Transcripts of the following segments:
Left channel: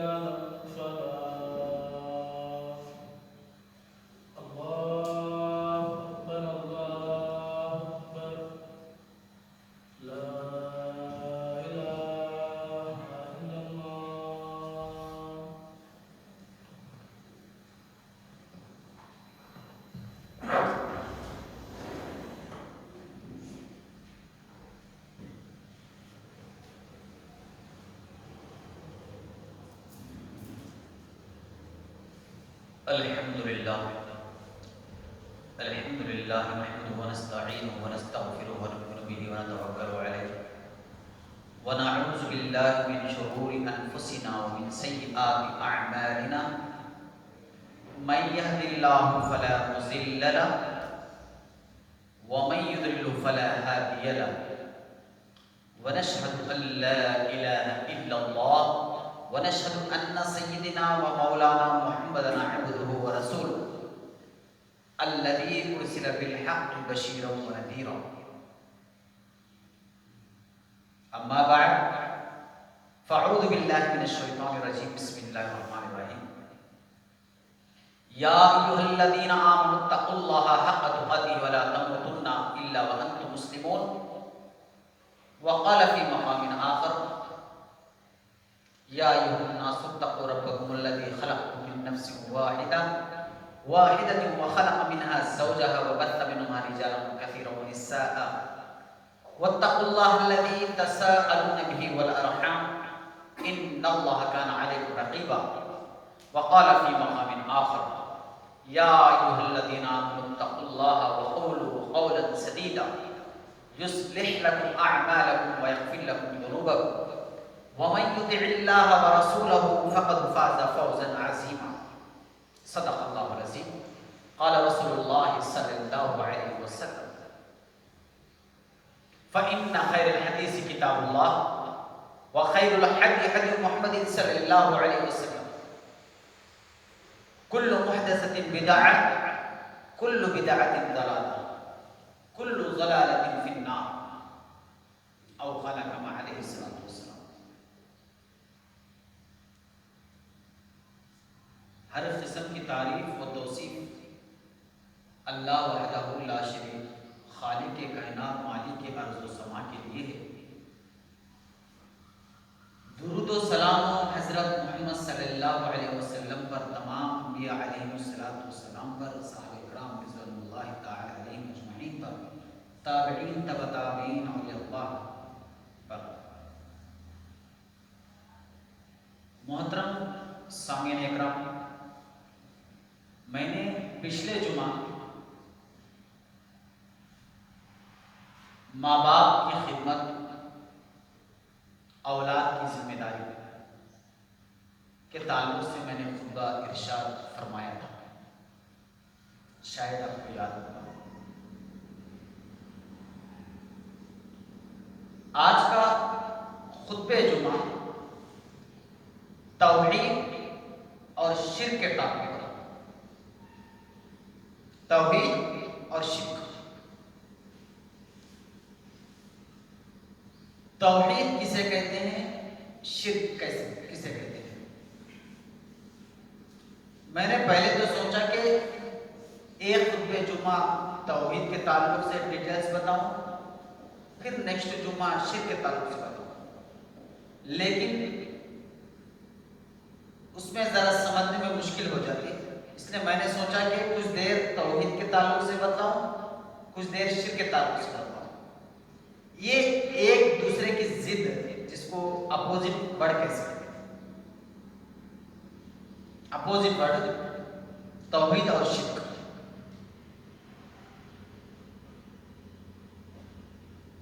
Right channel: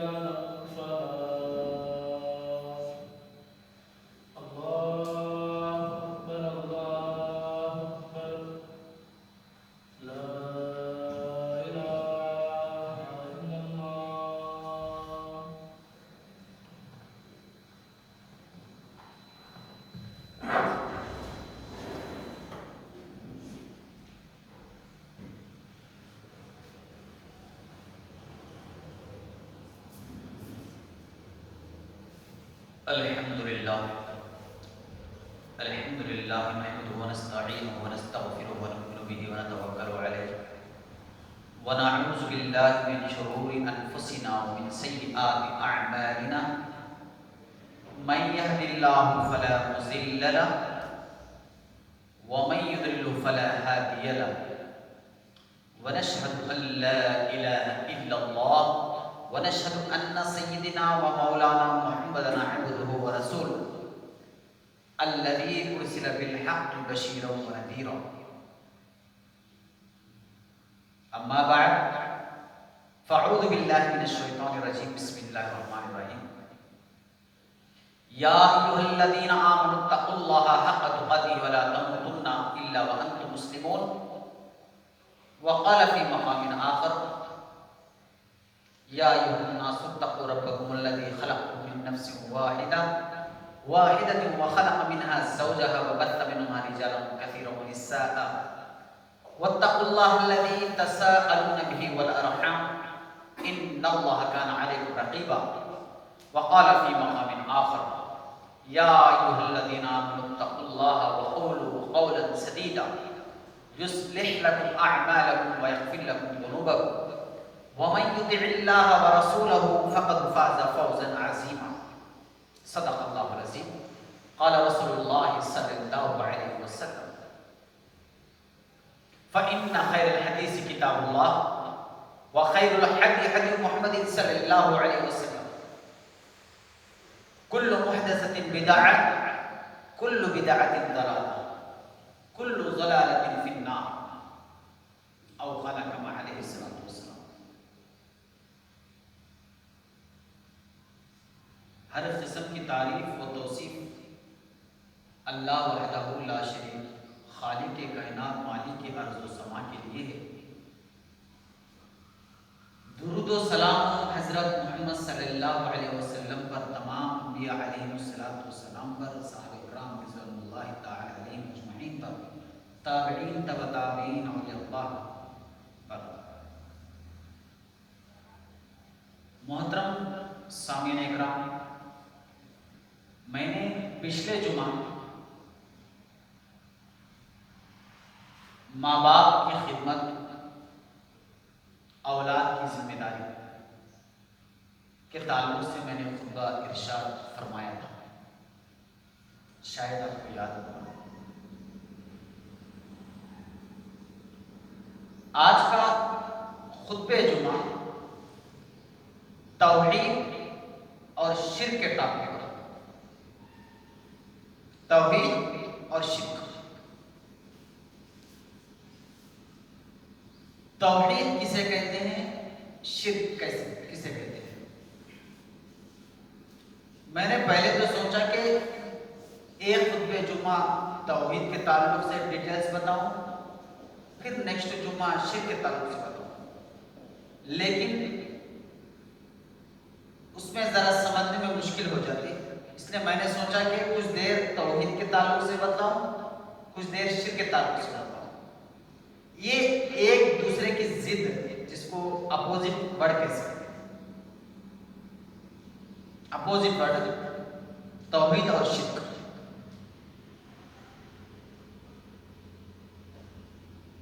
على الفلاح. الله أكبر الله أكبر لا إله إلا الله. الحمد لله نحمده ونستعينه ونستغفره ونؤمن به ونتوكل عليه ونعوذ بالله من شرور أنفسنا ومن سيئات أعمالنا من يهد الله فلا مضل له ومن يضلل فلا هادي له ونشهد أن لا إله إلا الله ونشهد أن سيدنا ومولانا محمدا عبده ورسوله الذي أرسل بالحق بشيرا ونذيرا. أما بعد فأعوذ بالله من الشيطان الرجيم. بسم الله الرحمن الرحيم. يا أيها الذين آمنوا اتقوا الله حق تقاته ولا تموتن إلا وأنتم مسلمون. وقال في مقام آخر يا أيها الناس اتقوا ربكم الذي خلقكم من نفس واحدة وخلق منها زوجها وبث منهما رجالا كثيرا ونساء واتقوا الله الذي تساءلون به والأرحام إن الله كان عليكم رقيبا. وقال في مقام آخر يا أيها الذين آمنوا اتقوا الله وقولوا قولا سديدا يصلح لكم أعمالكم ويغفر لكم ذنوبكم ومن يطع الله ورسوله فقد فاز فوزا عظيما. صدق الله العظيم. قال رسول الله صلى الله عليه وسلم فإن خير الحديث كتاب الله وخير الحديث حديث محمد صلى الله عليه وسلم. كل محدثة بدعة كل بدعة ضلالة كل ضلالة في النار أو قال كما عليه الصلاة والسلام. ہر قسم کی تعریف و توصیف اللہ وحدہ لا شریک خالق کائنات مالک ارض و سما کے لیے ہے. درود و سلام حضرت محمد صلی اللہ علیہ وسلم پر، تمام انبیاء علیہ السلام پر، صحابہ کرام رضوان اللہ تعالی علیہم اجمعین پر، تابعین تبع تابعین اولیاء اللہ پر. محترم سامعین اکرام، میں نے پچھلے جمعہ ماں باپ کی خدمت، اولاد کی ذمہ داری کے تعلق سے میں نے خطبہ ارشاد فرمایا تھا. شاید آپ کو یاد ہوگا. آج کا خطبہ جمعہ توحید اور شرک کے ٹاپک پر. توحید اور شرک. توحید کسے کہتے ہیں، شرک کسے کہتے ہیں. میں نے پہلے تو سوچا کہ ایک خطبہ جمعہ توحید کے تعلق سے ڈیٹیلز بتاؤں، پھر نیکسٹ جمعہ شرک کے تعلق سے بتاؤں، لیکن اس میں ذرا سمجھنے میں مشکل ہو جاتی ہے. اس لیے میں نے سوچا کہ کچھ دیر توحید کے تعلق سے بتاؤں، کچھ دیر شرک کے تعلق سے بتاؤں. یہ ایک دوسرے کی ضد ہے، جس کو اپوزٹ ورڈ کہہ سکتے ہیں. اپوزٹ ورڈ توحید اور شرک.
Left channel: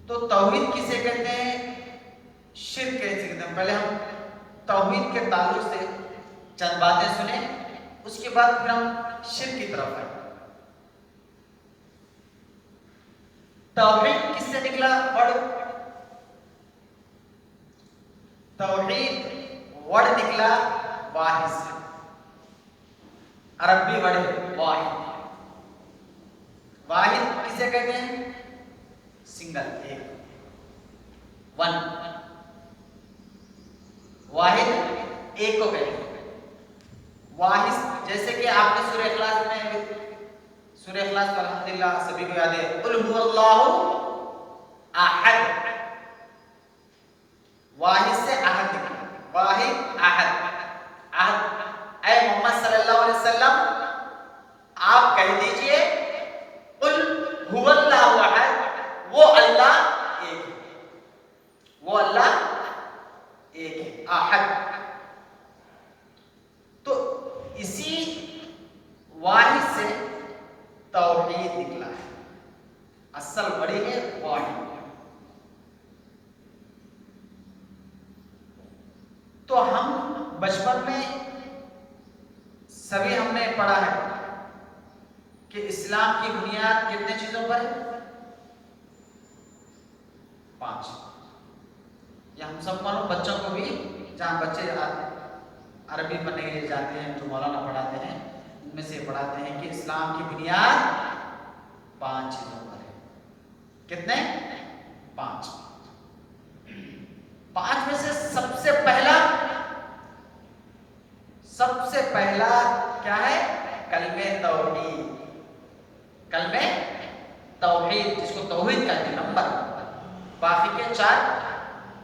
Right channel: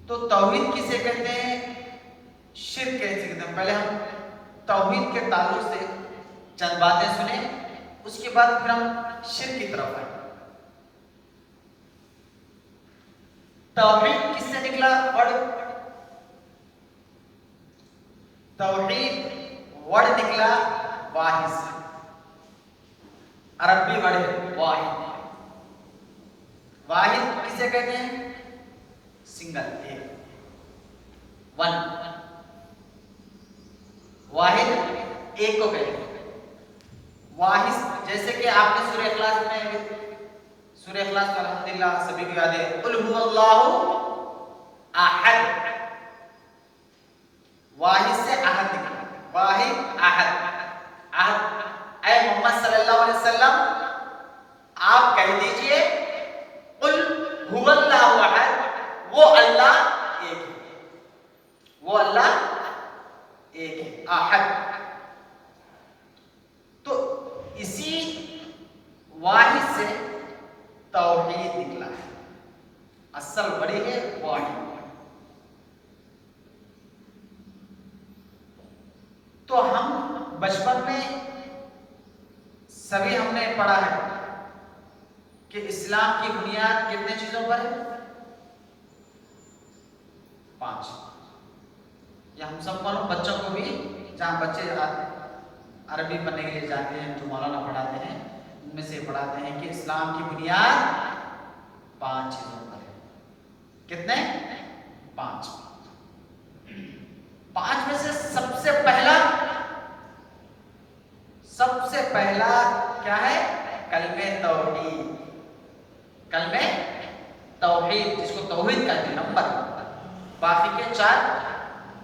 تو توحید کسے کہتے ہیں، شرک کیسے کہتے ہیں. پہلے ہم توحید کے تعلق سے چند باتیں سنیں، اس کے بعد پھر ہم شرک کی طرف آئیں. توحید کس سے نکلا ورڈ؟ توحید ورڈ نکلا واحد سے. عربی ورڈ ہے واحد. واحد کسے کہتے ہیں، سنگل، ایک، ون. واحد ایک کو کہتے ہیں واحد. جیسے کہ آپ نے سورہ اخلاص میں، سورہ اخلاص کا الحمدللہ سبھی کو یاد ہے، قل هو اللہ احد. واحد سے احد نکلا، واحد احد. احد اے محمد صلی اللہ علیہ وسلم آپ کہہ دیجئے قل هو اللہ احد، وہ اللہ ایک ہے، وہ اللہ ایک ہے، احد. تو اسی واحد سے توحید نکلا ہے. اصل بڑی ہے واحد. تو ہم بچپن میں سبھی ہم نے پڑھا ہے کہ اسلام کی بنیاد کتنے چیزوں پر ہے؟ 5. یا ہم سب کو بچوں کو بھی، جہاں بچے عربی پڑھنے کے لیے جاتے ہیں تو مولانا پڑھاتے ہیں، ان میں سے پڑھاتے ہیں کہ اسلام کی بنیاد 5 چیزوں پر ہے. کتنے؟ 5. 5 میں سے سب سے پہلا کیا ہے؟ کلمہ توحید. کلمہ توحید جس کو توحید کہتے ہیں، نمبر. باقی کے 4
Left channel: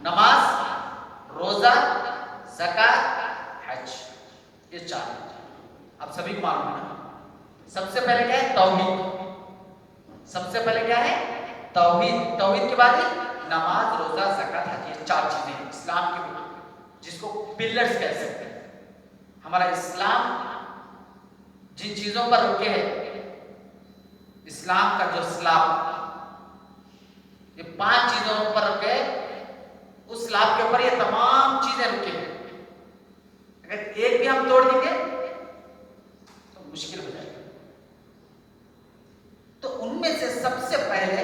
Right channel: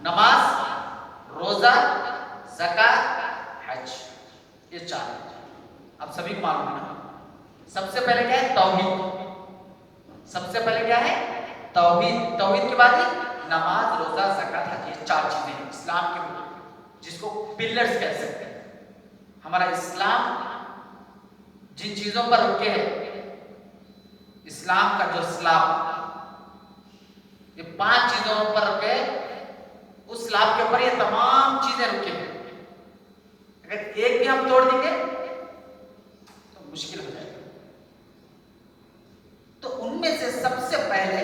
نماز، روزہ، زکات، حج، یہ 4 ہیں. اب سبھی کو معلوم ہے سب سے پہلے کیا ہے؟ توحید. سب سے پہلے کیا ہے؟ توحید. توحید کے بعد نماز، روزہ، زکات، حج، یہ 4 چیزیں ہیں اسلام کے، جس کو پلرز کہہ سکتے ہیں. ہمارا اسلام جن چیزوں پر رکے ہے، اسلام کا جو اسلام، یہ 5 چیزوں پر رکے، اس اسلام کے اوپر یہ تمام چیزیں رکے ہیں. اگر ایک بھی ہم توڑ دیں گے تو مشکل ہو جائے گا. تو ان میں سے سب سے پہلے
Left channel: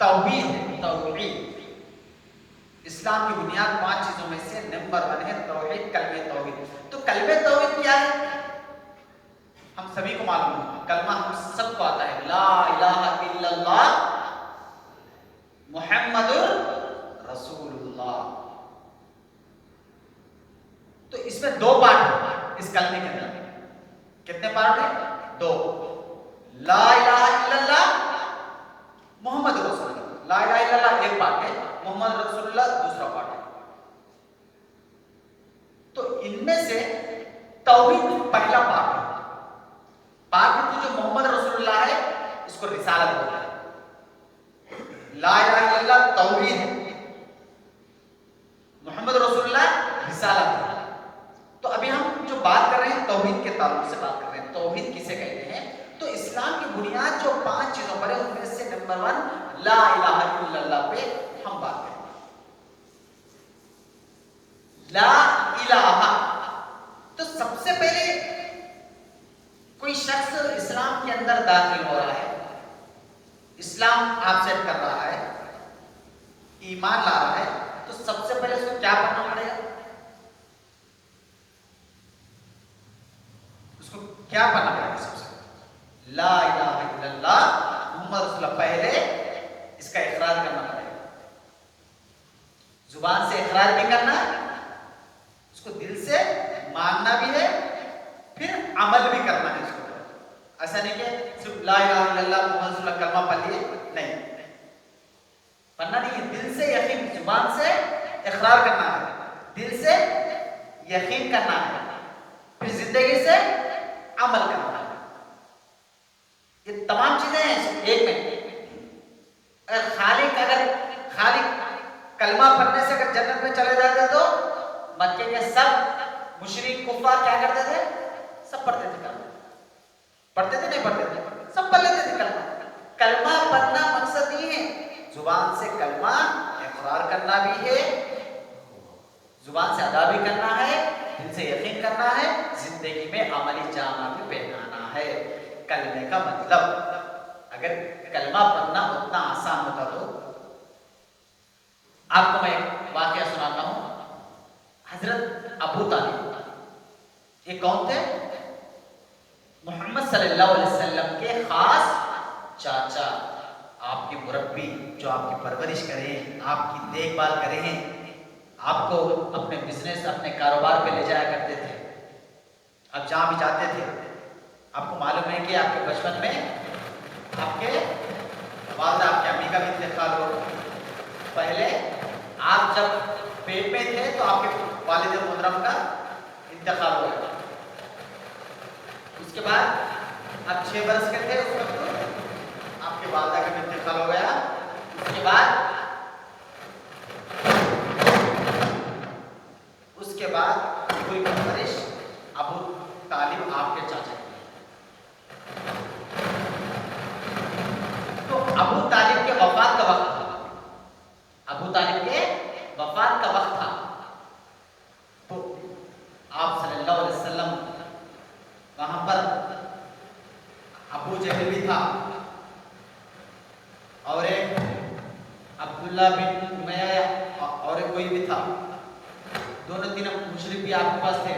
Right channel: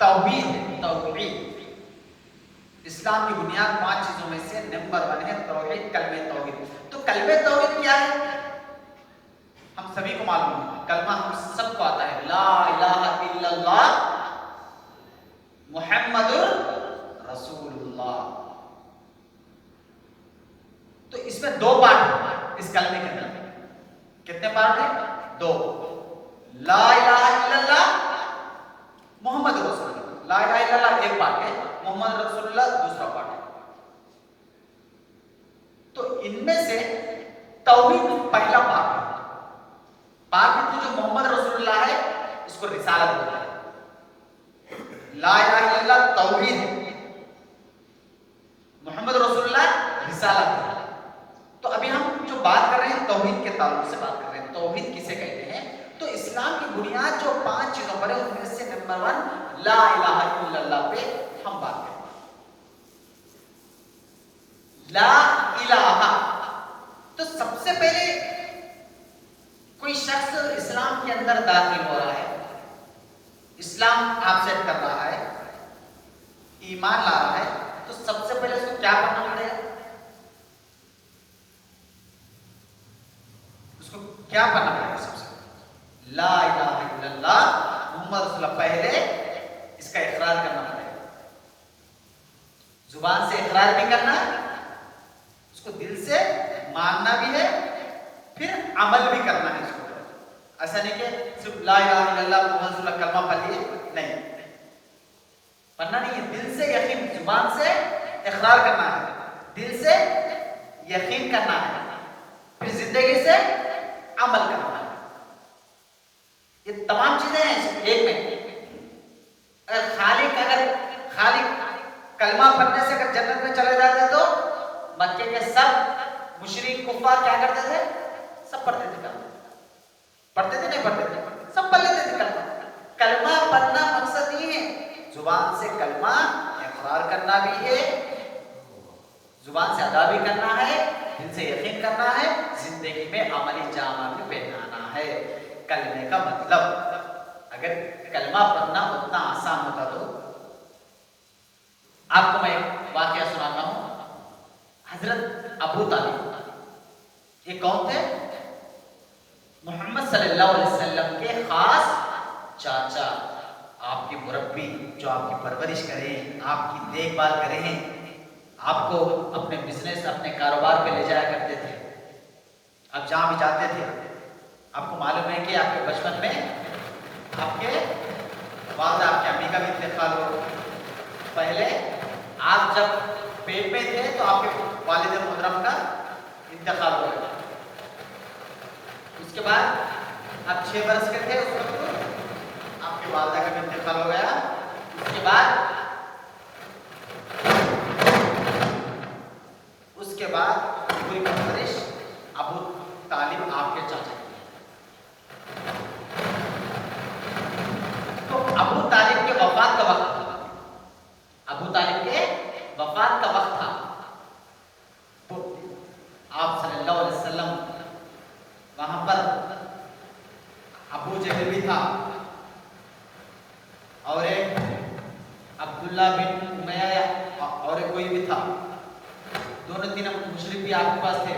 توحید ہے. توحید اسلام کی بنیاد 5 چیزوں میں سے نمبر 1 ہے توحید، کلمہ توحید. تو کلمہ توحید کیا ہے؟ ہم سبھی کو معلوم ہے. کلمہ ہم سب کو آتا ہے، لا الہ الا اللہ محمد رسول اللہ. تو اس میں 2 پارٹ ہیں اس کلمے کے اندر. کتنے پارٹ ہیں؟ 2. لا الہ الا اللہ محمد رسول اللہ. لا الہ الا اللہ ایک پارٹ ہے، محمد رسول اللہ دوسرا پارٹ ہے. تو ان میں سے توحید پہلا پارٹ ہے. باقی جو محمد رسول اللہ ہے اس کو رسالت بولتے ہیں. لا الہ الا اللہ توحید ہے، محمد رسول اللہ رسالت ہے. تو ابھی ہم جو بات کر رہے ہیں توحید کے تعلق سے بات کر رہے ہیں. توحید کسے کہتے ہیں؟ تو اسلام کی بنیاد جو 5 چیزوں پر ہے ان میں سے نمبر 1 لا الہ الا اللہ پہ ہم بات کریں گے. لا الہ. تو سب سے پہلے کوئی شخص اسلام کے اندر داخل ہو رہا ہے، اسلام ایکسپٹ کر رہا ہے، ایمان لا رہا ہے، تو سب سے پہلے اس کو کیا کرنا پڑے گا؟ اس کو کیا کرنا پڑے گا؟ سب سے پہلے لا الہ الا اللہ محمد رسول اللہ، پہلے اس کا اقرار کرنا پڑے گا. زبان سے اقرار بھی کرنا ہے، اس کو دل سے ماننا بھی ہے، پھر عمل بھی کرنا ہے. اس کو ایسا نہیں کہ صرف لا الہ الا اللہ محمد رسول اللہ کلمہ پڑھ لیے، نہیں پڑھنا نہیں ہے. دل سے یقین، زبان سے اقرار کرنا ہے، دل سے یقین کرنا ہے، پھر زندگی سے عمل کرنا ہے. یہ تمام چیزیں ہیں ایک میں. اگر خالی کلمہ پڑھنے سے اگر جنت میں چلے جاتا تو مکے کے سب مشرک کفار کیا کرتے تھے؟ سب پڑھتے تھے کلمہ. پڑھتے تھے نہیں پڑھتے تھے؟ سب پڑھ لیتے تھے کلمہ. کلمہ پڑھنا مقصد یہ ہے، زبان سے کلمہ اقرار کرنا بھی ہے، زبان سے ادا بھی کرنا ہے، دل سے یقین کرنا ہے، زندگی میں عملی جامہ بھی پہنانا ہے. کلمے کا مطلب، اگر کلمہ پڑھنا اتنا آسان ہوتا تو آپ کو میں واقعہ سناتا ہوں. حضرت ابو طالب یہ کون تھے؟ محمد صلی اللہ علیہ وسلم کے خاص چاچا، آپ کے مربی، جو آپ کی پرورش کریں، آپ کی دیکھ بھال کریں، آپ کو اپنے بزنس، اپنے کاروبار پہ لے جایا کرتے تھے. اب جہاں بھی جاتے تھے, آپ کو معلوم ہے کہ آپ کے بچپن میں آپ کے والدہ, آپ کے امی کا بھی انتقال ہو. پہلے آپ جب پیٹ میں تھے تو آپ کے والد محترم کا انتقال ہوا. اس کے بعد آپ 6 برس کے تھے اس وقت آپ کے والدہ کا بھی انتقال ہو گیا. اس کے بعد کوئی پرورش ابو طالب آپ کے چاچا کی. تو ابو طالب کے وفات کا وقت تھا, ابو طالب کے وفات کا وقت تھا. تو آپ صلی اللہ علیہ وسلم وہاں پر, ابو جہل بھی تھا اور ایک عبداللہ بن امیہ اور کوئی بھی تھا, دونوں تینوں مشرک بھی آپ کے پاس تھے.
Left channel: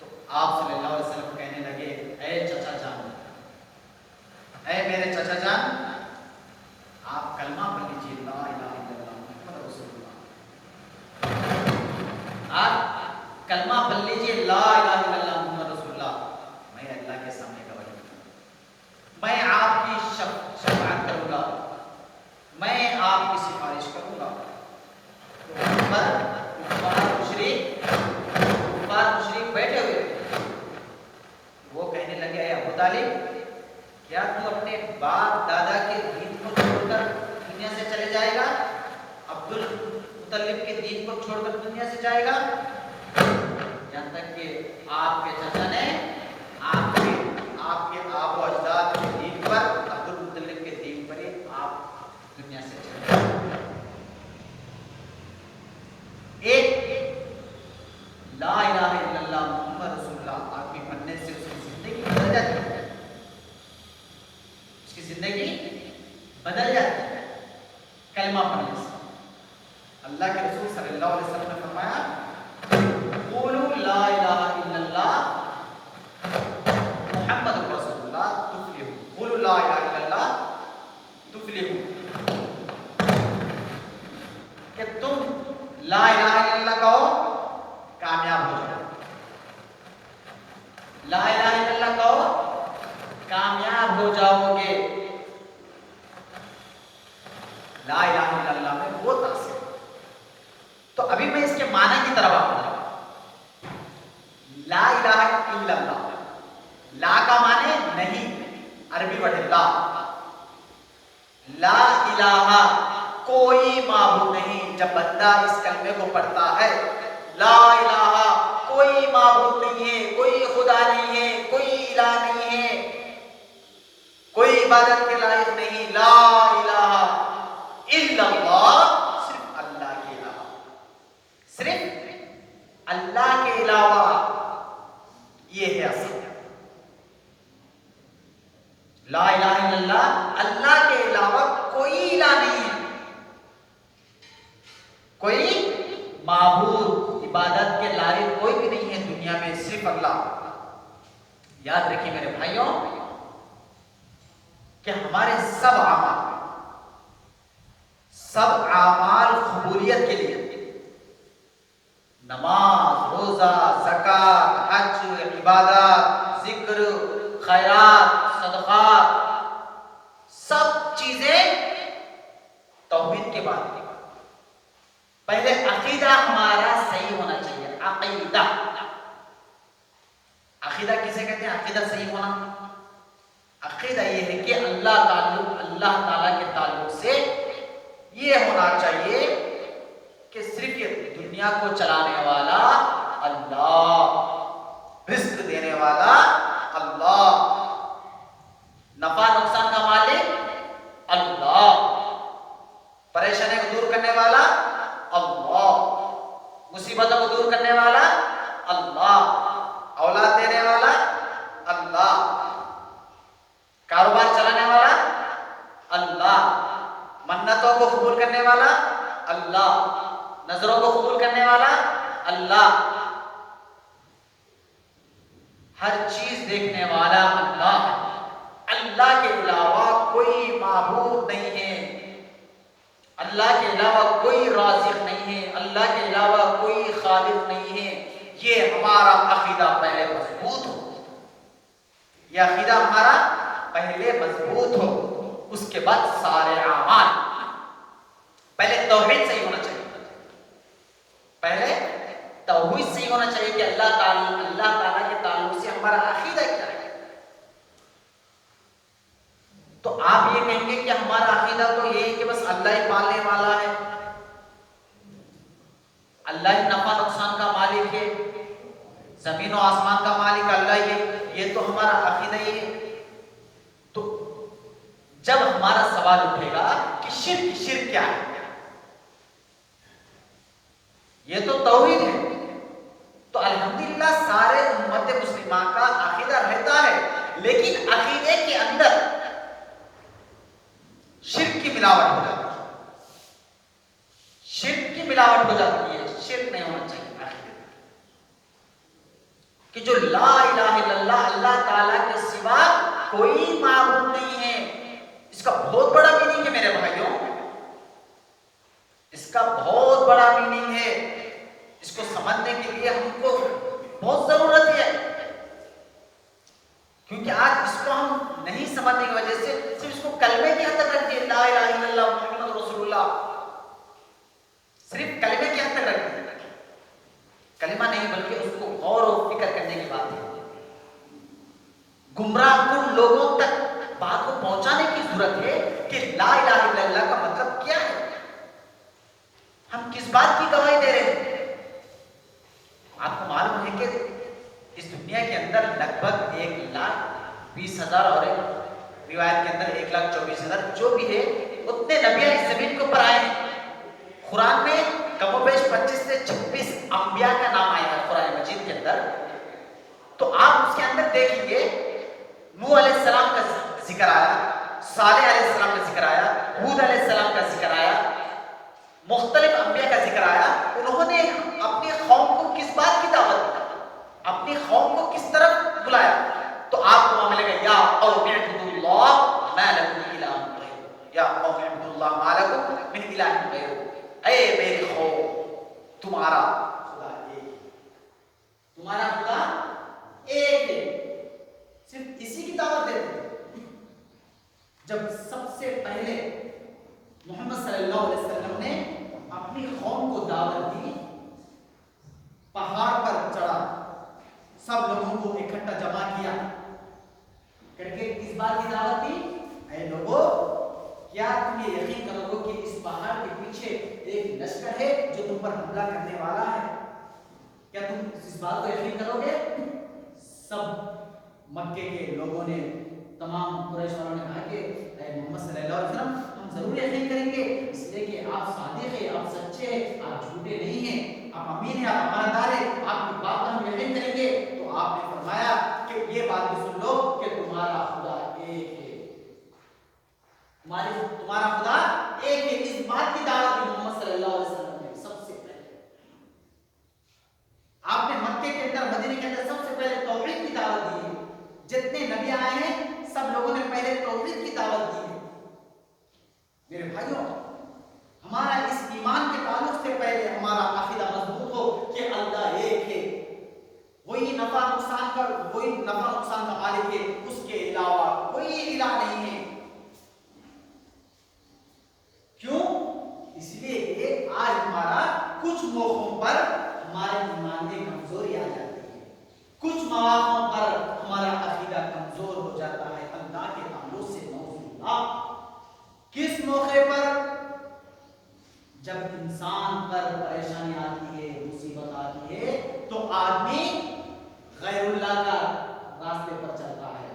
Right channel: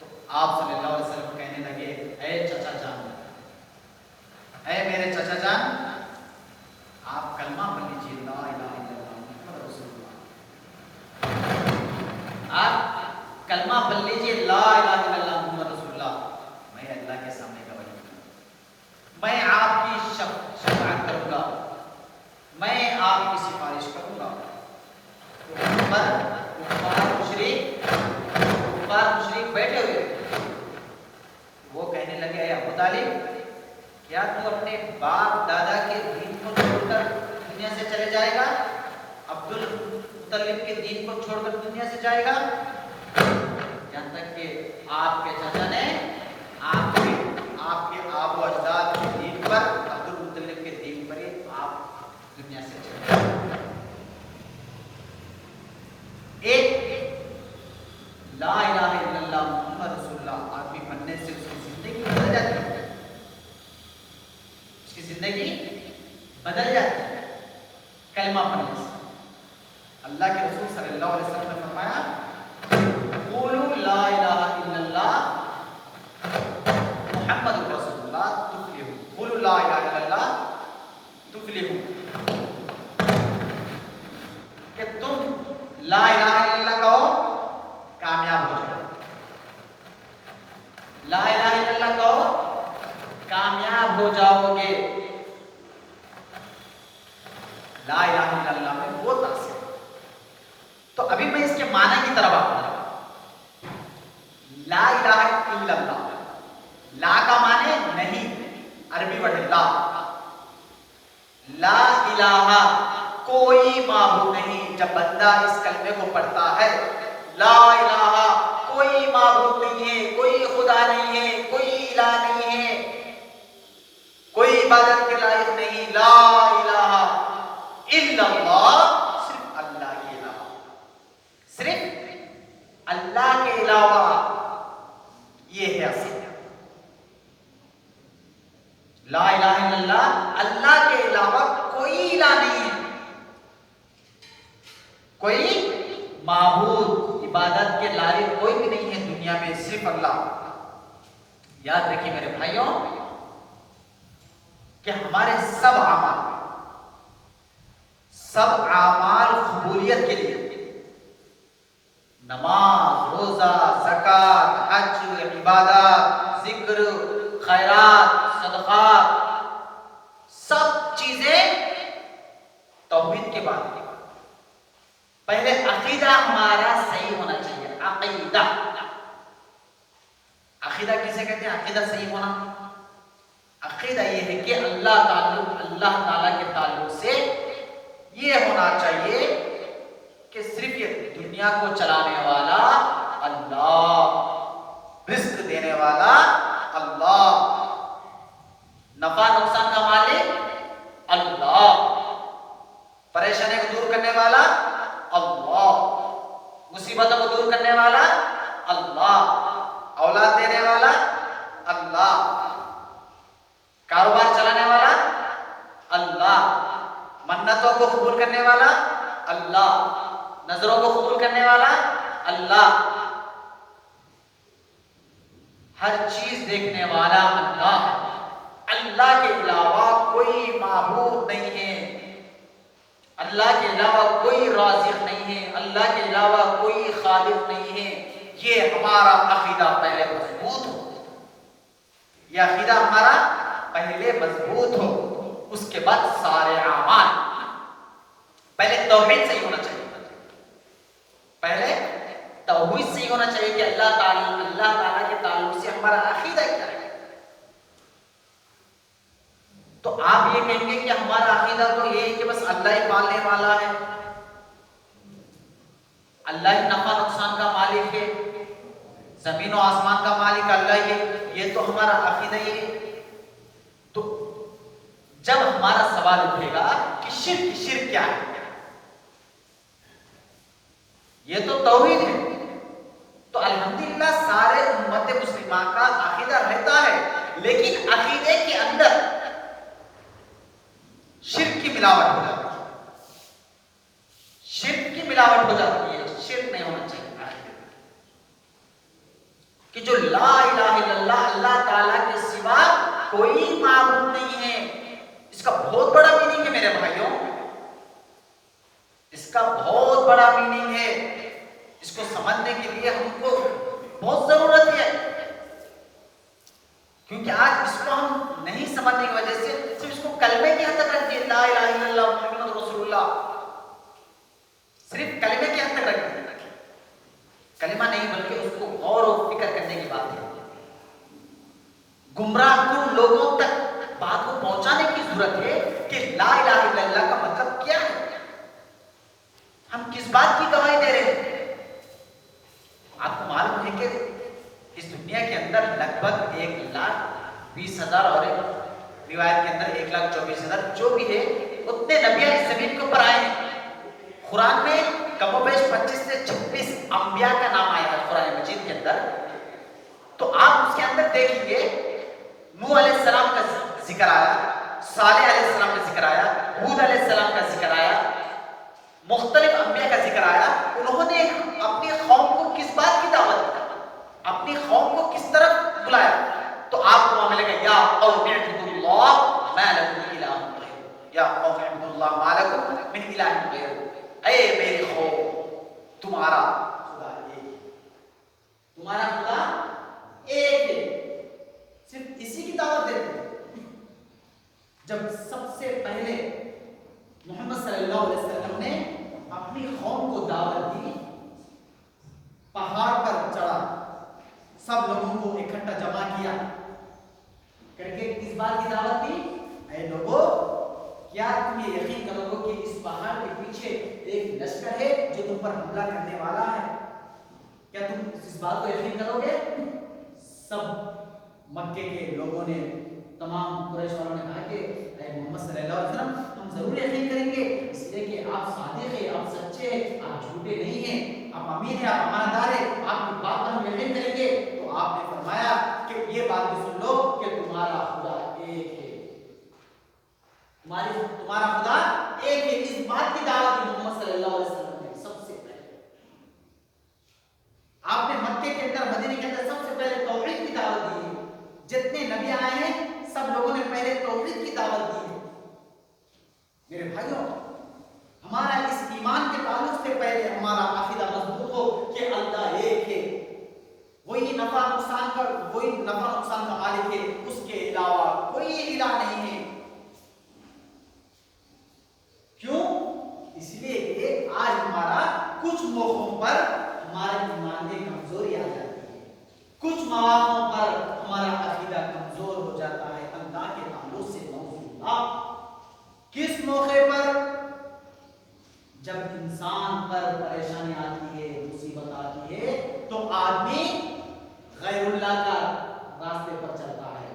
تو آپ صلی اللہ علیہ وسلم کہنے لگے, اے چچا جان, اے میرے چچا جان, آپ کلمہ پڑھ لیجیے, لا الہ الا اللہ محمد رسول اللہ. آپ کلمہ پڑھ لیجیے, لا الہ الا اللہ محمد رسول اللہ. میں اللہ کے سامنے گواہی دوں گا, میں آپ کی شفاعت کروں گا, میں آپ کی سفارش کروں گا. کفار مشرک بیٹھے ہوئے, وہ کہنے لگے, اے ابو طالب, کیا تو اپنے باپ دادا کے دین کو چھوڑ کر دنیا سے چلے جائے گا؟ عبد المطلب کے دین کو چھوڑ کر دنیا سے جائے گا؟ جہاں تک کہ آپ کے چچا نے آپ کے آب و اجداد کے دین پر, عبد المطلب کے دین پر ہی آپ دنیا سے چلے جائے. ایک لا الہ الا اللہ محمد رسول اللہ آدمی بننے سے اس کی زندگی بدل جاتی ہے, اس کی زندگی بدل جاتی ہے کلمہ پڑھنے سے. اللہ کے رسول صلی اللہ علیہ وسلم نے فرمایا, قولوا لا الہ الا اللہ محمد رسول اللہ تفلحوا. قولوا لا الہ الا اللہ تفلحوا, کہ تم لا الہ الا اللہ کہو, کامیاب ہو جاؤ. لا الہ الا اللہ کہو, کامیاب ہو جاؤ گے. لا الہ الا اللہ میں وہ تاثیر. تو ابھی میں اس کے معنی کی طرف آؤں گا. لا الہ الا اللہ, لا کا معنی نہیں, عربی ورڈ لا. لا الہ, کوئی معبود نہیں. جب بندہ اس کلمے کو پڑھتا ہے, لا الہ, کوئی معبود نہیں ہے, کوئی خدا نہیں ہے, کوئی الہ نہیں ہے, کوئی عبادت کے لائق نہیں. لا الہ الا اللہ, صرف اللہ کے علاوہ, صرف اللہ کے علاوہ. یہ ہے اصل لا الہ الا اللہ, اللہ کے علاوہ کوئی الہ نہیں ہے, کوئی معبود عبادت کے لائق کوئی بھی نہیں ہے دنیا میں, صرف اللہ. یاد رکھیے میرے بھائیوں کہ ہمارے سب اعمال قبولیت کے لیے, نماز, روزہ, زکات, حج, عبادات, ذکر, خیرات, صدقات, سب چیزیں توحید کے بعد. پہلے عقیدہ ہمارا صحیح ہونا چاہیے. عقیدہ, عقیدہ کسے کہتے ہیں؟ عقیدہ صحیح ہونا. عقیدہ یہ ہے کہ اللہ تعالیٰ کے تعلق سے یہ ہونا چاہیے کہ صرف یہ دنیا کو چلانے والا اللہ, رزق دینے والا اللہ, نفع نقصان کا مالک اللہ, پریشانی کو دور کرنے والا اللہ, مصیبتوں کو دور کرنے والا اللہ, اولاد دینے والا اللہ, کاروبار چلانے والا اللہ, منتوں کو قبول کرنے والا اللہ, نظروں کو قبول کرنے والا اللہ, ہر چیز دیکھنے والا اللہ. اللہ کے علاوہ کوئی معبود نہیں ہے, اللہ کے علاوہ کوئی رازق نہیں ہے, اللہ کے علاوہ کوئی یہ ہمارا عقیدہ پہلے مضبوط ہو، یہ عقیدہ ہمارا پہلے مضبوط ہو، اس کے بعد سارے اعمال۔ پہلے توحید صحیح ہونا چاہیے، پہلے توحید صحیح ہونا چاہیے کہ اللہ تعالیٰ کے تعلق سے ہمارا عقیدہ کیا ہے۔ تو آپ یہ کہیں گے کہ ہمارا عقیدہ تو یہ ہے کہ بس اللہ ہی پالنے والا ہے، اللہ ہی نفع نقصان کا مالک ہے، زمین و آسمان کا مالک اللہ ہی ہے، یہ تو ہمارا عقیدہ ہی ہے۔ تو جب ہمارا سوال اٹھے گا کہ شرک کیا ہے، یہ تو توحید ہے، تو الحمدللہ سارے امت مسلمہ کا عقیدہ رہتا ہے، لیکن عقیدے کے اندر شرک کی ملاوٹ ہو جاتی ہے، شرک کی ملاوٹ ہو جاتی ہے، شرک نہیں ہونا چاہیے کہ جو لا الہ الا اللہ، اللہ تعالیٰ کے سوا کوئی معبود نہیں ہے۔ اس کا بہت بڑا میننگ ہے میرے بھائیوں، اس کا بہت بڑا میننگ ہے، اس کو سمجھنے کے لیے ہم کو بہت ضرورت ہے، کیونکہ آج اس کو ہم نہیں سمجھنے کی وجہ سے صرف اس کو کلمے کے حد تک رکھتے ہیں، لا الہ الا اللہ محمد رسول اللہ، صرف کلمے کے حد تک رکھتے ہیں، کلمہ نہیں بلکہ اس کو غور و فکر کرنے کی بات ہے۔ گمراہ کن لوگوں تک بات کو پہنچانے کی ضرورت ہے کہ لا الہ الا اللہ کا مطلب کیا ہے، ہم کس بات کی گواہی دے رہے ہیں۔ آپ کو معلوم ہے کہ اس دنیا کے اندر لگ بھگ 1,20,000 اور روایت کے اندر 1,24,000 جو بھی ہے اتنے نبی اس زمین کے اوپر آئے ہیں۔ قرآن میں کم و بیش 25 سے 26 انبیاء کا نام آئے گا قرآن مجید کے اندر، تو آپ اس کے اندر دیکھیں گے نوح علیہ السلام کا ذکر آیا، صالح علیہ السلام کا ذکر آیا، ہود علیہ السلام کا ذکر آیا، مختلف انبیاء کا ذکر آیا۔ انہوں نے اپنی قوم کو کس بات کی دعوت دی، اپنی قوم کو کس طرف بلایا، تو آپ کو ملے گا یا قوم اعبدوا اللہ ما لکم من الہ غیرہ، یا قوم اعبدوا اللہ ما لکم من الہ غیرہ، اے میری قوم تمہارا خدا ایک ہے، تمہارا خدا ایک ہے، صرف اسی کی دعوت دیتے ہیں۔ جب سب سے پہلے محمد صلی اللہ علیہ وسلم نے اپنی قوم کو دعوت دی، پہاڑ پر چڑھا، سب لوگوں کو اکٹھا جمع کیا کر کے کس بات کی دعوت دی، اے لوگوں کیا تم یہ یقین کرو گے کہ اس پہاڑ کے پیچھے ایک لشکر ہے جو تم پر حملہ کرنے والا ہے، کیا تم اس بات کو یقین کرو گے؟ سب مکے کے لوگوں نے، تمام قریش والوں نے کہا کہ اے محمد صلی اللہ علیہ وسلم ہم ضرور یقین کریں گے، اس لیے کہ آپ صادق ہیں، آپ سچے ہیں، آپ جھوٹے نہیں ہیں، آپ امین ہیں، آپ امانتدار ہیں، آپ کی بات پر ہم یقین کریں گے۔ تو آپ نے فرمایا کہ یہ بات بھی سن لو کہ تمہارا خدا ایک ہے، تمہارا خدا ایک ہے۔ اس بات کی دعوت دی محمد صلی اللہ علیہ وسلم نے سب سے پہلے، آپ نے مکے کے اندر مدینے کے اندر سب سے پہلے توحید کی دعوت دی ہے۔ جتنے نبی آئے ہیں سب لوگوں نے پہلے توحید کی دعوت دی ہے۔ میرے بھائیوں، ہمارا اس ایمان کے تعلق سے پہلے ہمارا عقیدہ مضبوط ہو کہ اللہ ایک ہے، وہی نفع نقصان کا مالک ہے، اس کے علاوہ کوئی الہ نہیں ہے۔ کیوں؟ اس لیے کہ آج ہمارا کچھ موقعوں پر ہمارے ایمان میں کمزوری آ جاتی ہے، کچھ مواقعوں پر ہمارا عقیدہ کمزور ہو جاتا ہے اللہ کے تعلق سے۔ کس موقع پر؟ جب انسان پر پریشانی آتی ہے، مصیبت آتی ہے، تو آدمی غیر اللہ کا راستے پر چلتا ہے۔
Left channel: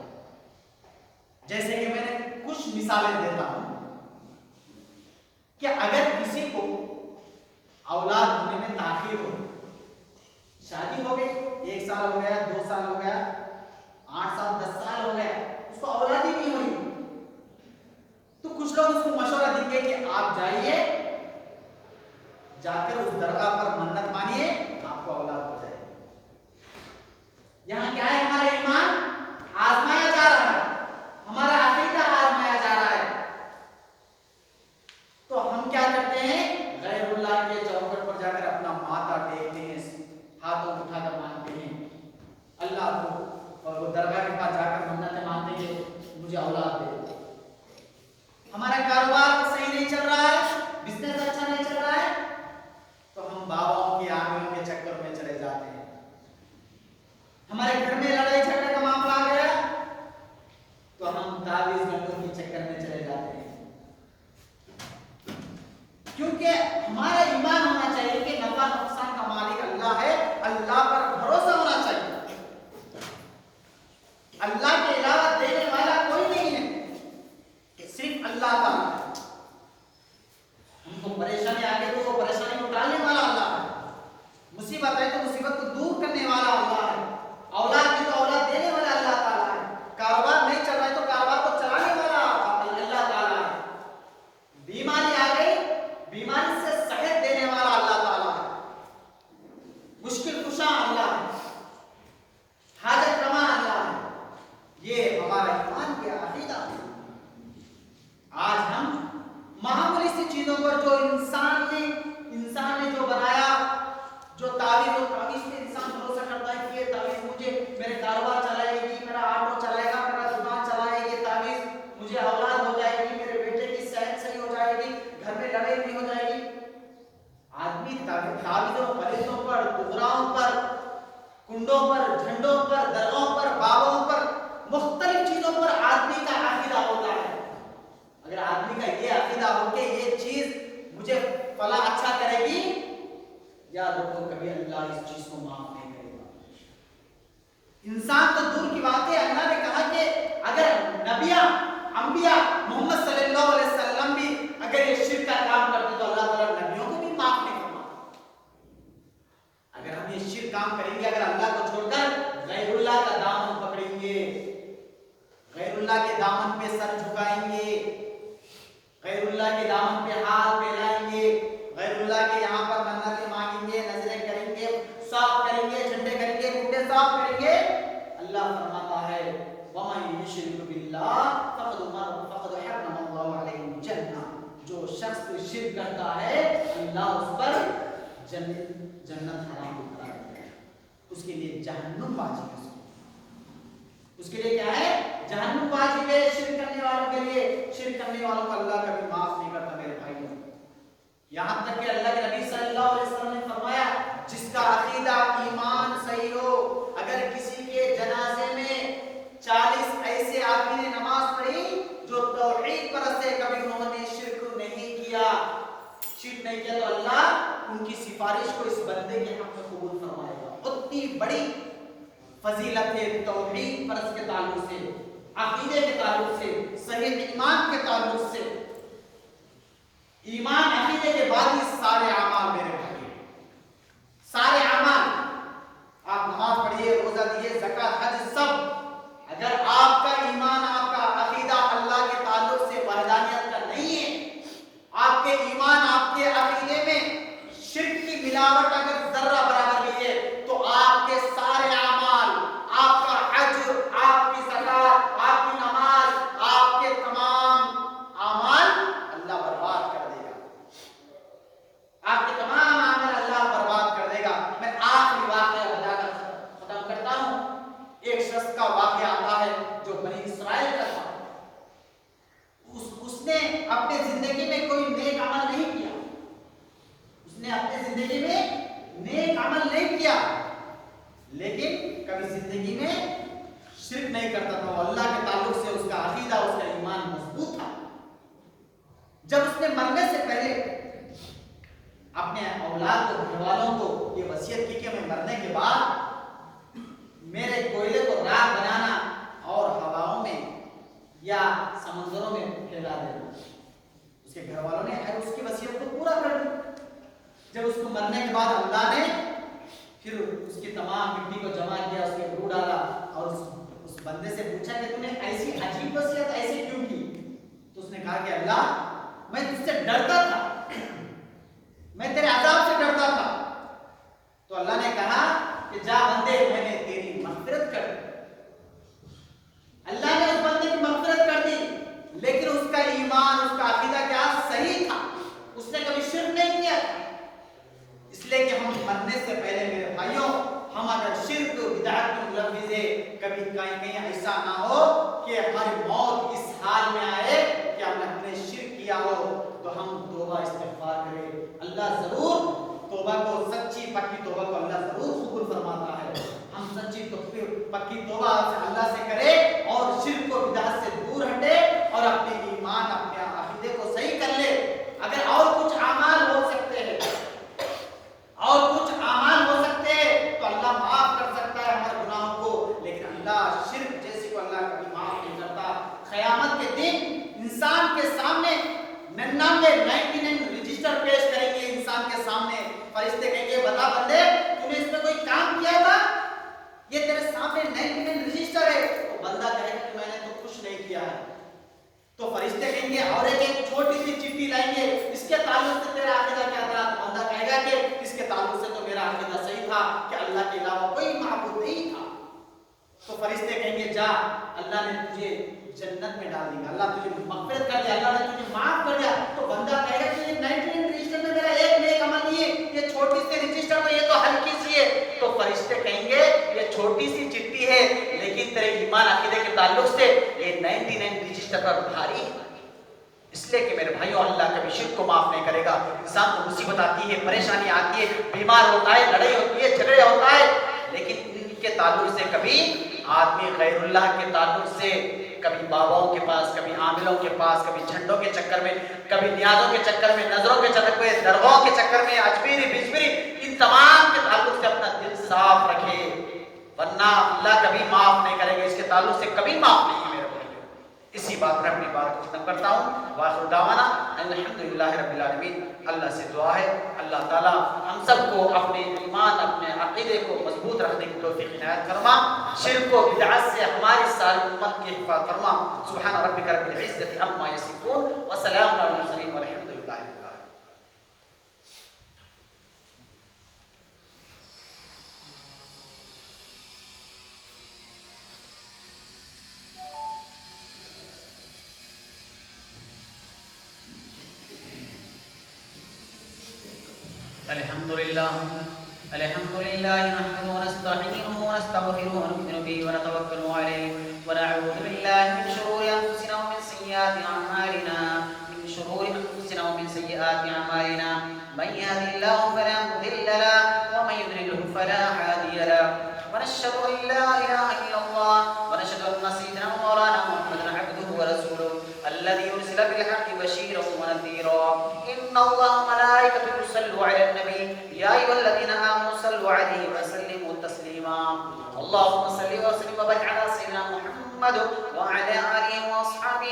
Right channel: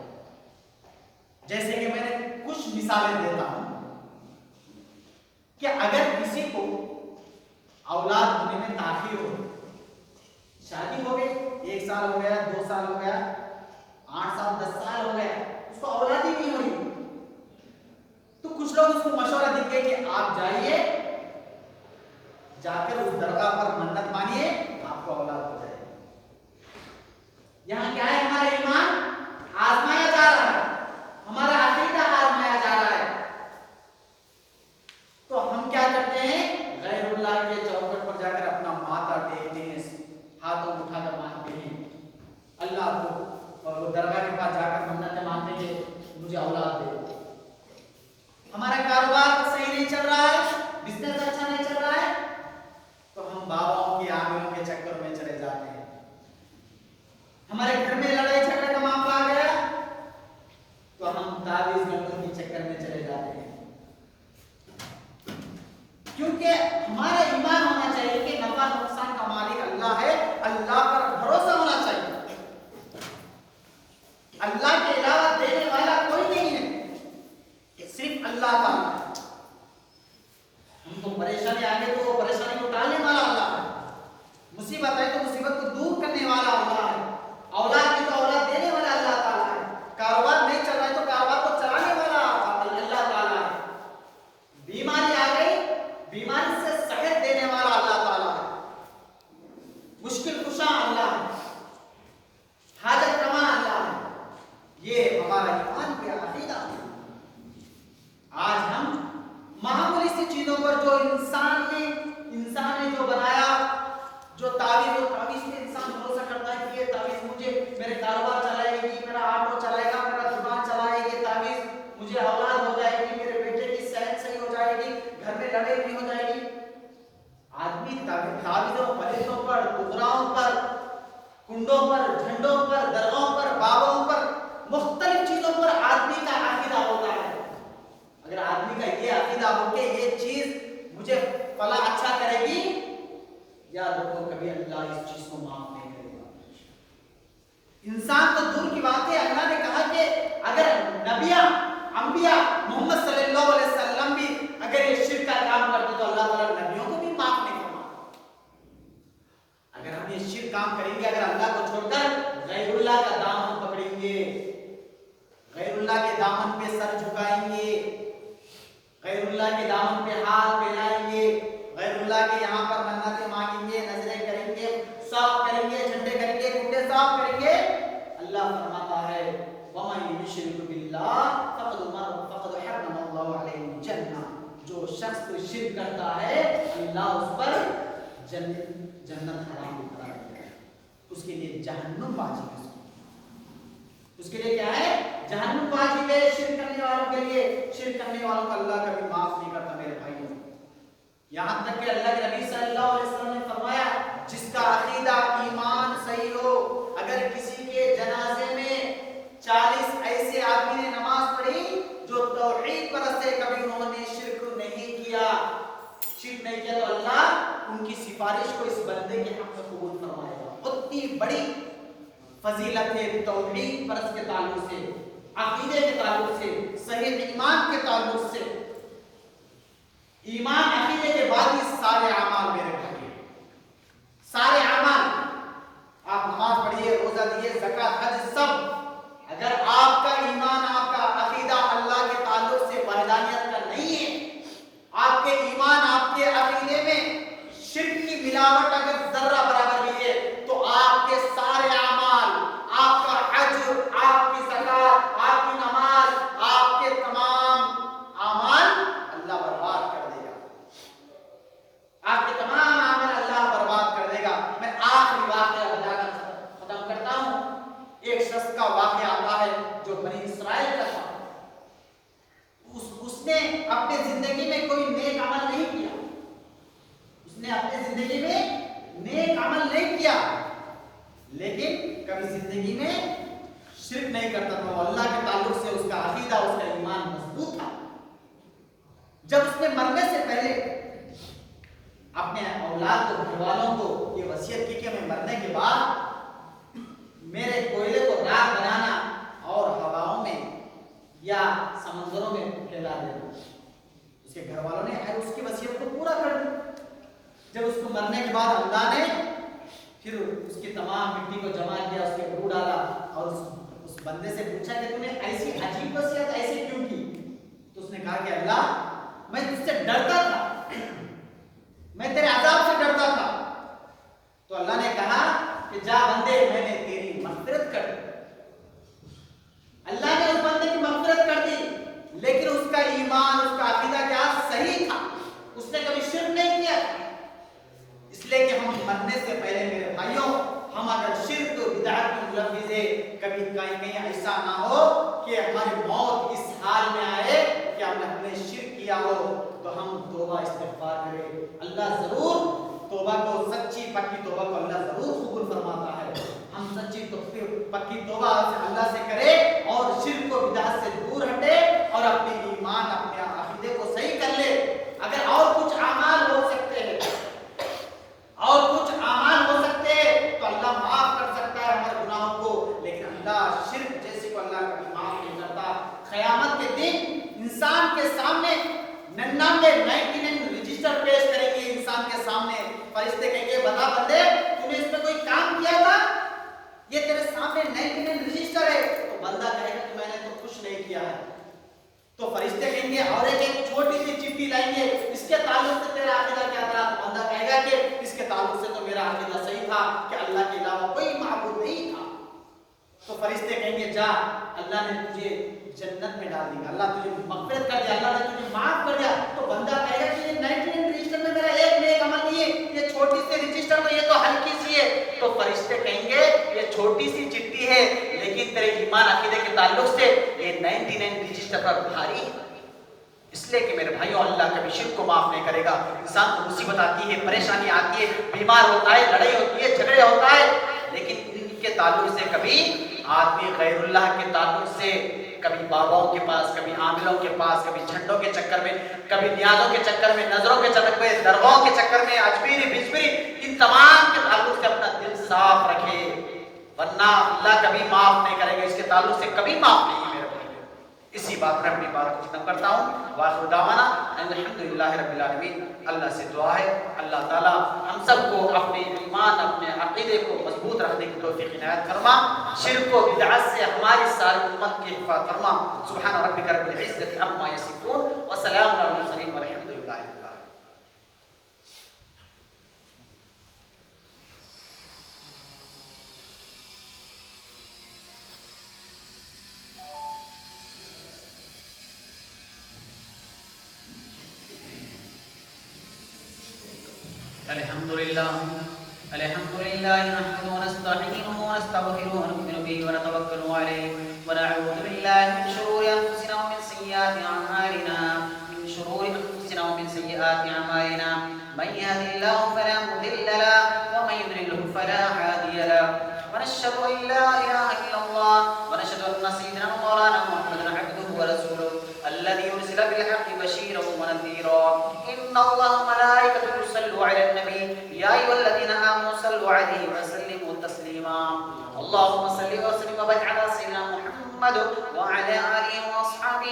جیسے کہ میں نے کچھ مثالیں دیتا ہوں کہ اگر کسی کو اولاد ہونے میں تاخیر ہو، شادی ہو گئی، 1 سال ہو گیا، 2 سال ہو گیا، 8 سال 10 سال ہو گیا، اس کو اولاد ہی نہیں ہوئی، تو کچھ لوگ اس کو مشورہ دیں گے کہ آپ جائیے، جا کر اس درگاہ پر منت مانیے، آپ کو اولاد ہو جائے۔ یہاں کیا ہے؟ ہمارا ایمان آزمایا جا رہا ہے، ہمارا عقیدہ آزمایا جا رہا ہے۔ تو ہم کیا کرتے ہیں؟ غیر اللہ کے چوکھٹ پر جا کر اپنا ماتھا ٹیکتے ہیں، ہاتھوں اٹھا کر مانگتے ہیں اللہ کو، اور وہ درگاہ کے پاس جا کر منتیں مانگتے ہیں کہ مجھے اولاد دے. ہمارا کاروبار صحیح نہیں چل رہا ہے، بزنس اچھا نہیں چل رہا ہے، تو ہم باباؤں کی آمیروں کے چکر میں چلے جاتے ہیں. ہمارے گھر میں لڑائی جھگڑے کا معاملہ آ گیا تو ہم تعویذ گنٹوں کے چکر میں چلے جاتے ہیں. کیونکہ ہمارا ایمان ہونا چاہیے کہ نفع نقصان کا مالک اللہ ہے، اللہ پر بھروسہ ہونا چاہیے. اللہ کے علاوہ دینے والا کوئی نہیں ہے، صرف اللہ تعالیٰ ہے. ہم کو پریشانی آ گئی تو وہ پریشانی کو ٹالنے والا اللہ ہے، مصیبت ہے تو مصیبت کو دور کرنے والا اللہ ہے، اولاد کی تو اولاد دینے والا اللہ تعالیٰ ہے، کاروبار نہیں چل رہا ہے تو کاروبار کو چلانے والا اللہ تعالیٰ ہے، بیماری آ گئی بیماری سے صحت دینے والا اللہ تعالیٰ ہے، مشکل کشا اللہ ہے، حاجت روا اللہ ہے. یہ ہمارا ایمان کیا عقیدہ ہے. آج ہم معمولی سی چیزوں پر جو انسان نے جو بنایا، جو تعویذ پہ انسان بھروسہ کرتا ہے کہ یہ تعویذ مجھے میرے کاروبار چلائے گی، میرا آٹو چلائے گا، میرا دکان چلائے گی، تعویذ مجھے اولاد ہو جائے گی، میرے بیٹے کی صحت صحیح ہو جائے گی، گھر میں لڑائی نہیں ہو جائے گی. آدمی تعویذوں پلیسوں پر، قدراؤں پر، کنڈوں پر، جھنڈوں پر، درگاہوں پر، بابوں پر، مختلف چیزوں پر آدمی کا عقیدہ ہوتا ہے. اگر آدمی کا یہ عقیدہ ہو کہ یہ چیز مجھے فلاں اچھا کرے گی، یاد رکھو کبھی اللہ اس چیز کو معاف نہیں کرے گا. انسان تو دور کی بات ہے، اللہ نے کہا کہ اگر نبیاں انبیاء محمد صلی اللہ علیہ وسلم بھی اگر یہ شرک کا کام کرتے تو اللہ تعالیٰ نبیوں کو بھی معاف نہیں کرتا. اگر ہم یہ شرک کام کریں گے، اگر اللہ کو چھوڑ کر غیر اللہ کا دامن پکڑیں گے، غیر اللہ کے دامن پہ سر جھکائیں گے، غیر اللہ کے دامن پہ ہاتھ پھیلائیں گے، غیر اللہ کے یہاں پر منتیں مانگیں گے، نظریں کریں گے، صاف کریں گے، جھنڈے کریں گے، کٹے صاف کریں گے، اللہ فرماتا ہے وَمَن يُشْرِكْ بِاللَّهِ فَقَدْ حَرَّمَ اللَّهُ عَلَيْهِ الْجَنَّةَ. جو شخص شرک کرتا ہے اللہ اس پر جنت حرام کرا دیتا ہے، اس کے لیے جہنم واجب ہے. اس کے لیے کیا ہے؟ جہنم واجب ہے. شرک کرنے والوں کے لیے، شرک کرنے والوں کو اللہ کبھی معاف نہیں کرتا میرے بھائیوں. یہاں تک کہ اللہ کے نبی صلی اللہ علیہ وسلم نے فرمایا جس کا عقیدہ ایمان صحیح ہو، اگر کسی کے جنازے میں 40 ایسے آدمی نے نماز پڑھی جو توحید پرست ہے، کبھی انہوں نے شرک نہیں کیا تو اللہ ان کی سفارش کو اس بندے کے حق میں قبول فرمائے گا. اتنی بڑی فضیلت ہے توحید پرست کے تعلق سے، عقیدے کے تعلق سے، صحیح ایمان کے تعلق سے. ایمان عقیدے کے بعد ہی سارے اعمال میرے بھائی، سارے اعمال، آپ نماز پڑھیے، روزہ دیے، زکات، حج، سب اگر آپ کا ایمان، آپ کا عقیدہ اللہ کے تعلق سے وحدانیت کا نہیں ہے، آپ کے ایمان، آپ کے عقیدے میں شرک کی ملاوٹ اگر ذرہ برابر بھی ہے تو آپ کے سارے اعمال، آپ کا حج، آپ کی زکات، آپ کی نماز، آپ کے تمام اعمال اللہ برباد کر دے گا. آپ کے تمام اعمال اللہ برباد کر دے گا. میں آخری واقعہ بتا کر ختم کرتا ہوں. ایک شخص کا واقعہ آتا ہے جو بنی اسرائیل کا تھا. اس نے اپنے زندگی میں کوئی نیک عمل نہیں کیا، اس نے اپنے زندگی میں نیک عمل نہیں کیا، لیکن کبھی زندگی میں شرک نہیں کرتا تھا. اللہ کے تعلق سے اس کا عقیدہ، اس کا ایمان مضبوط تھا. جب اس نے مرنے سے پہلے اپنے اولاد کو، گھر والوں کو یہ وصیت کی کہ میں مرنے کے بعد میرے کوئلے کو راکھ بنانا اور ہواؤں میں یا سمندروں میں پھیلا دینا. اس کے گھر والوں نے اس کی وصیت کو پورا کر دیا. جب اس کو مرنے کے بعد اللہ نے پھر اس کی تمام مٹی کو جمع کیا، اس کے روح ڈالا اور اس بندے سے پوچھا کہ تو نے ایسی عجیب وصیت ایسی کیوں کی؟ تو اس نے کہا کہ اللہ میں تجھ سے ڈرتا تھا، میں تیرے عذاب سے ڈرتا تھا. تو اللہ نے کہا کہ جا بندے میں نے تیری مغفرت کر دی. اللہ نے اس بندے کی مغفرت کر دی، لیکن اس کا ایمان، اس کا عقیدہ کیا صحیح تھا، اس نے کبھی شرک نہیں کیا. اس لیے کہ ہم مرنے سے پہلے میرے بھائیوں بدعت میں ملوث ہے. کبھی کہیں ایسا نہ ہو کہ ہماری موت اس حال میں آئے کہ ہم نے شرک کیا ہو. تو ہم توبہ استغفار کریں. اللہ ضرور توبہ کو, سچی پکی توبہ کو اللہ ضرور قبول فرماتا ہے. ہم سچی پکی توبہ اللہ سے کریں اور شرک و بدعت سے دور ہٹے اور اپنے ایمان, اپنے عقیدے کو صحیح کر لے. اگر اور کچھ اعمال ہو سکتے ہیں, اور کچھ اعمال ہو سکتے ہیں تو اللہ معاف کر سکتا ہے ہمارے گناہوں کو, لیکن اللہ شرک جیسے کو اللہ کبھی معاف نہیں کرتا. قیامت کے دن انسان کے سامنے 99 رجسٹر پیش کریں گے. انسان کے سامنے فرشتے کہیں گے بتا بندے تو نے اس میں کوئی کام کیا تھا, یہ تیرے سامنے 99 رجسٹر ہے. تو بندہ کہے گا کہ میں نے تو کچھ نہیں کیا ہے. تو فرشتے کہیں گے اور ایک چھوٹی سی چٹھی لائیں گے, اس کے تعلق سے تیرا عقیدہ کیا تھا. تو بندہ کہے گا کہ اس کے تعلق سے تو میرا عقیدہ صحیح تھا کہ اللہ کے علاوہ کوئی معبود نہیں تھا. تو فرشتے کہیں گے جا, اللہ نے تجھے جنت میں ڈال دیا, اللہ تجھے مغفرت کر دیا, اللہ نے تجھے معاف کر دیا. تو بندہ کہے گا کہ یہ 99 رجسٹر میں میرا ایک نیک عمل نہیں ہے, یہ چھوٹی سی رجسٹر میں یہ تو ہلکی سی ہے. تو فرشتے کہیں گے یہ چھوٹی سی چٹھی ہے لیکن تیرے ایمان عقیدے کے تعلق سے یہ 99 رجسٹر پر بھاری ہے. اس لیے کہ میرے بھائیوں, اللہ کبھی شرک کو معاف نہیں کرے گا. انسان کو مصیبت آتی ہے, پریشانی آتی ہے, بیمار ہوتا ہے, لڑائی ہوتی ہے, جھگڑے ہوتا ہے, لیکن ان کے تعلق سے کبھی آدمی غیر اللہ کے تعلق سے, کبھی باباؤں کے پاس, کبھی عاملوں کے پاس, کبھی جھنڈوں کے چکر میں, کبھی نیازوں کے چکر میں, نظروں کے چکر میں, درگاہوں کے چکر میں, اجمیری بجبری, ان تمام کے تعلق سے اپنا دل صاف رکھے, ورنہ اللہ کبھی معاف نہیں کرے گا. اس کے تعلق سے کبھی معاف نہیں میرے بھائی. اسی بات پر اپنی بات کو ختم کرتا ہوں. واخر دعوانا الحمدللہ رب العالمین. اللہ سے دعا ہے اللہ تعالیٰ ہم سب کو اپنے ایمان, اپنے عقیدے کو مضبوط رکھنے کی توفیق عنایت فرما. شرک و بدعت سے ہماری ساری امت کی حفاظت فرما. سبحان ربک رب العزت عما یصفون وسلام علی المرسلین والحمد للہ رب العالمین. الحمد لله نحمده ونستعينه ونستغفره ونؤمن به ونتوكل عليه ونعوذ بالله من شرور انفسنا ومن سيئات اعمالنا من يهده الله فلا مضل له ومن يضلل فلا هادي له ونشهد ان لا اله الا الله ونشهد ان سيدنا مولانا محمدا عبده ورسوله الذي ارسل بالحق بشيرا ونذيرا. ان الله وملائكته يصلون على النبي يا ايها الذين امنوا صلوا عليه وسلموا تسليما. اللهم صل وسلم وبارك على سيدنا محمد وعلى اله واصحابه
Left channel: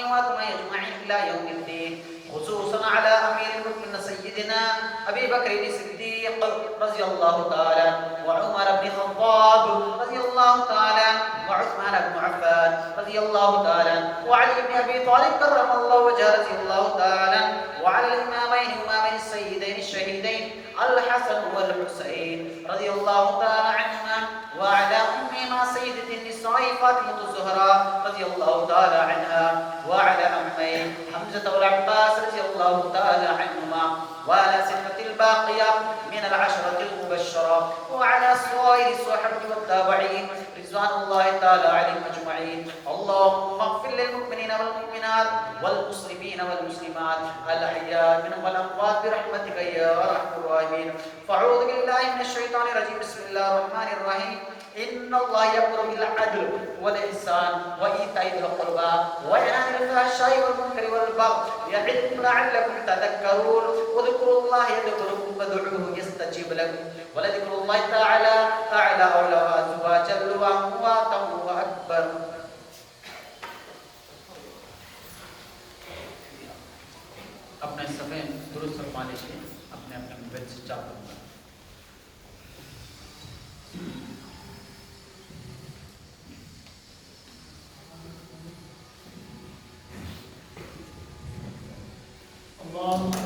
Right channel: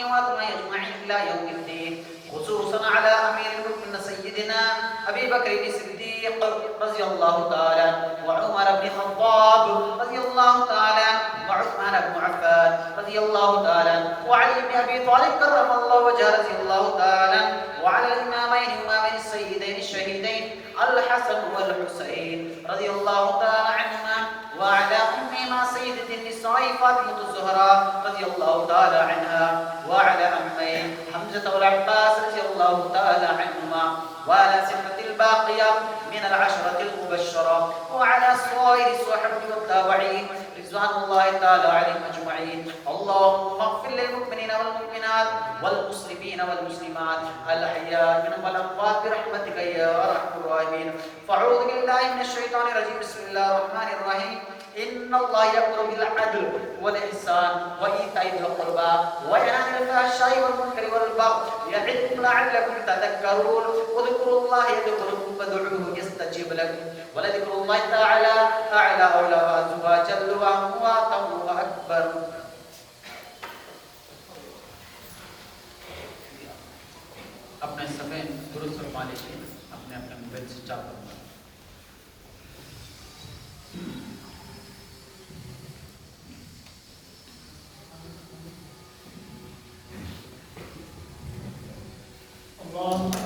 اجمعين الى يوم الدين, خصوصا على امير المؤمنين سيدنا ابي بكر الصديق رضي الله تعالى, وعمر بن الخطاب رضي الله تعالى, وعثمان بن عفان رضي الله تعالى, وعلي بن ابي طالب كرم الله وجهه رضي الله تعالى, وعلى الامامين السيدين الشهيدين الحسن والحسين رضي الله تعالى عنهما, وعلى امهما سيدة النساء فاطمة الزهراء رضي الله تعالى عنها, وعلى امين حمزة والعباس رضي الله تعالى عنهما, وعلى ستة الباقية من العشرة المبشرة, وعلى سائر الصحابة والتابعين رضوان الله تعالى عليهم اجمعين. اللهم اغفر للمؤمنين والمؤمنات والمسلمين والمسلمات الاحياء منهم والاموات برحمتك يا ارحم الراحمين. فاعوذ بالله من الشيطان الرجيم. بسم الله الرحمن الرحيم. ان الله يأمر بالعدل والاحسان وايتاء ذي القربى وينهى عن الفحشاء والمنكر والبغي يعظكم لعلكم تذكرون. واذكروا الله يذكركم وادعوه يستجيب لكم ولذكر الله تعالى اعلى واجل واقوم واكبر. اپنے سمے درست فرما لیجیے, اپنے اپنے موبائل سے چاپ کرنا. اللہ